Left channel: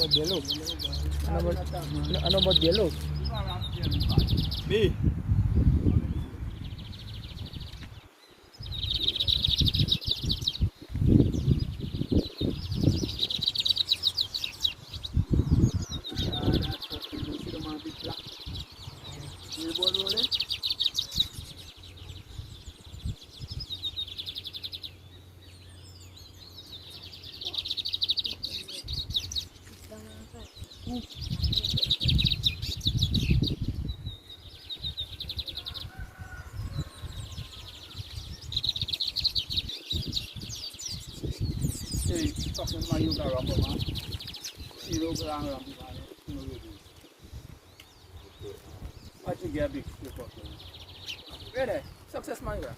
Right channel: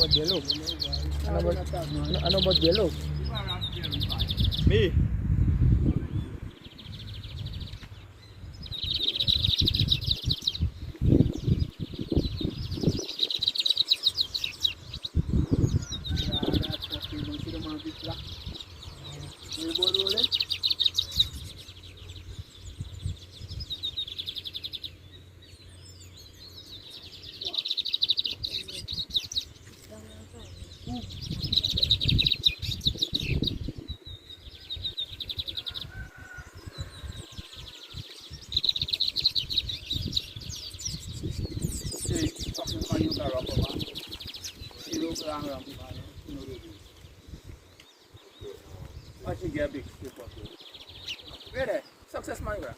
about yellow? Ano about yellow? Me. I should get big. Ready? Success man, bro.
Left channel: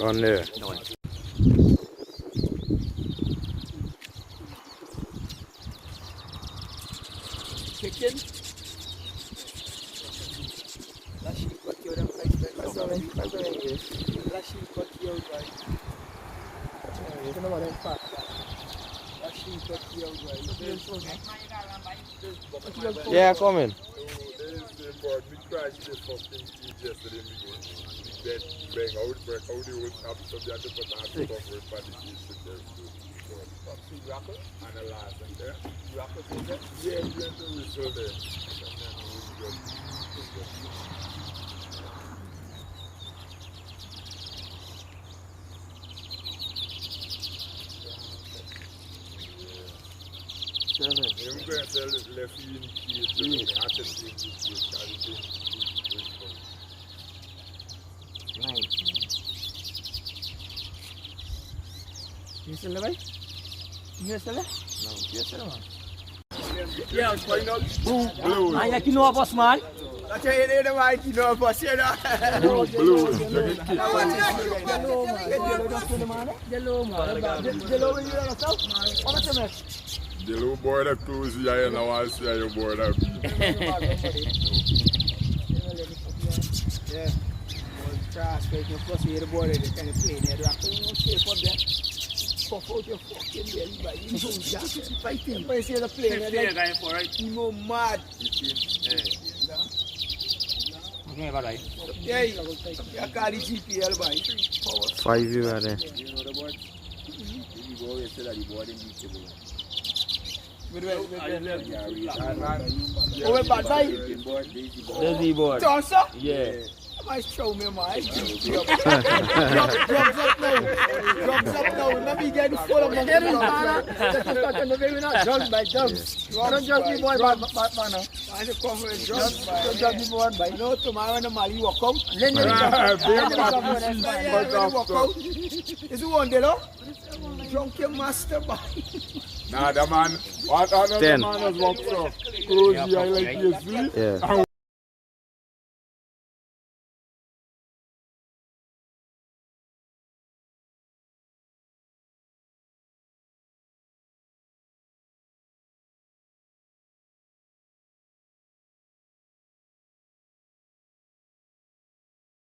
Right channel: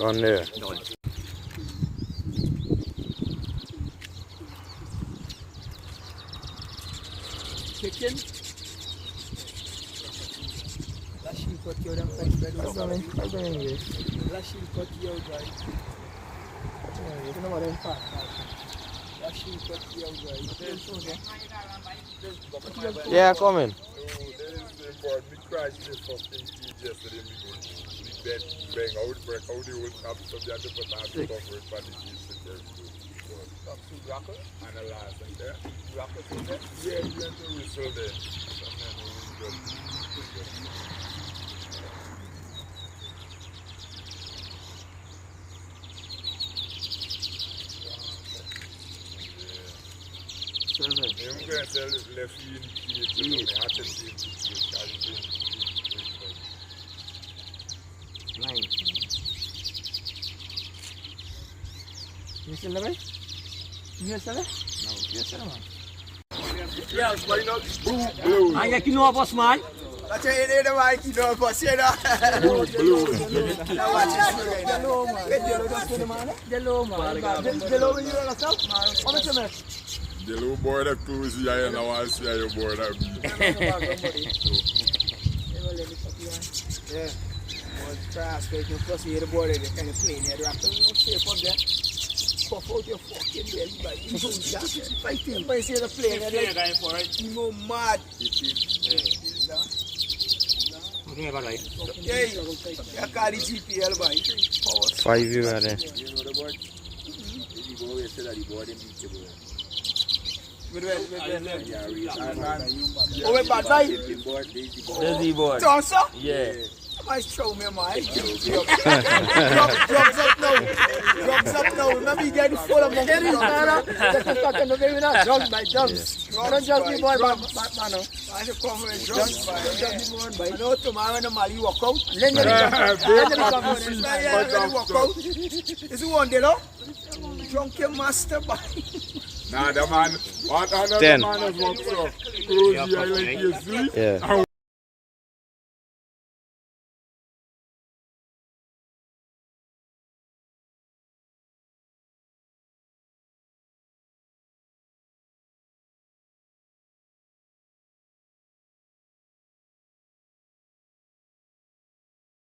On there. Chicken. Lasci il pacchio da fai bene anyway. Lasci il pacchio dai. Non vado in faccia. Lasci il pacchio dai. Yeah, coming. We crashed this fucking feed yesterday. We dead bang out, break out the whole top, so they had to put on the cover for the kids to break through. And the last one there. Yeah, we had to whistle there. And then we just 7. I'm going to tell left in kids, you know, I have to see the kids, 9. You still there? You still there? No. You still there, man? Yeah, it's fine out. blue. Man, you know us, man. That's why you need the mic, you know, for say that. Hello, man. Hello, man. Hello, you yourself? How much you make? The little boy that close here and I want to see how your boy that Yeah. Trash, you plus you the board, they kind of play there. You shape up there. Puff out your fucking belly, but you know that. Fighting. But you see the play there, like, for it. you know, mad. Okay, about right. Yeah, you call the GPL, boy. 5 you are there. You know the board? The board said that the board in beatable. Oh, we're bad, boy. There's the board. Toss up? Yeah. Might show me, man. Drugs up now. Remember, you get the full of money. Drugs by drugs. Don't judge me, boy, man. I should come with drugs. Don't judge me, boy. I know tomorrow when the Mali walk out. Then you walk out. Is it one day, no? Drunken master, boy. Nah, the man, what another 10. man has walked up, close here like you sleep. Yeah.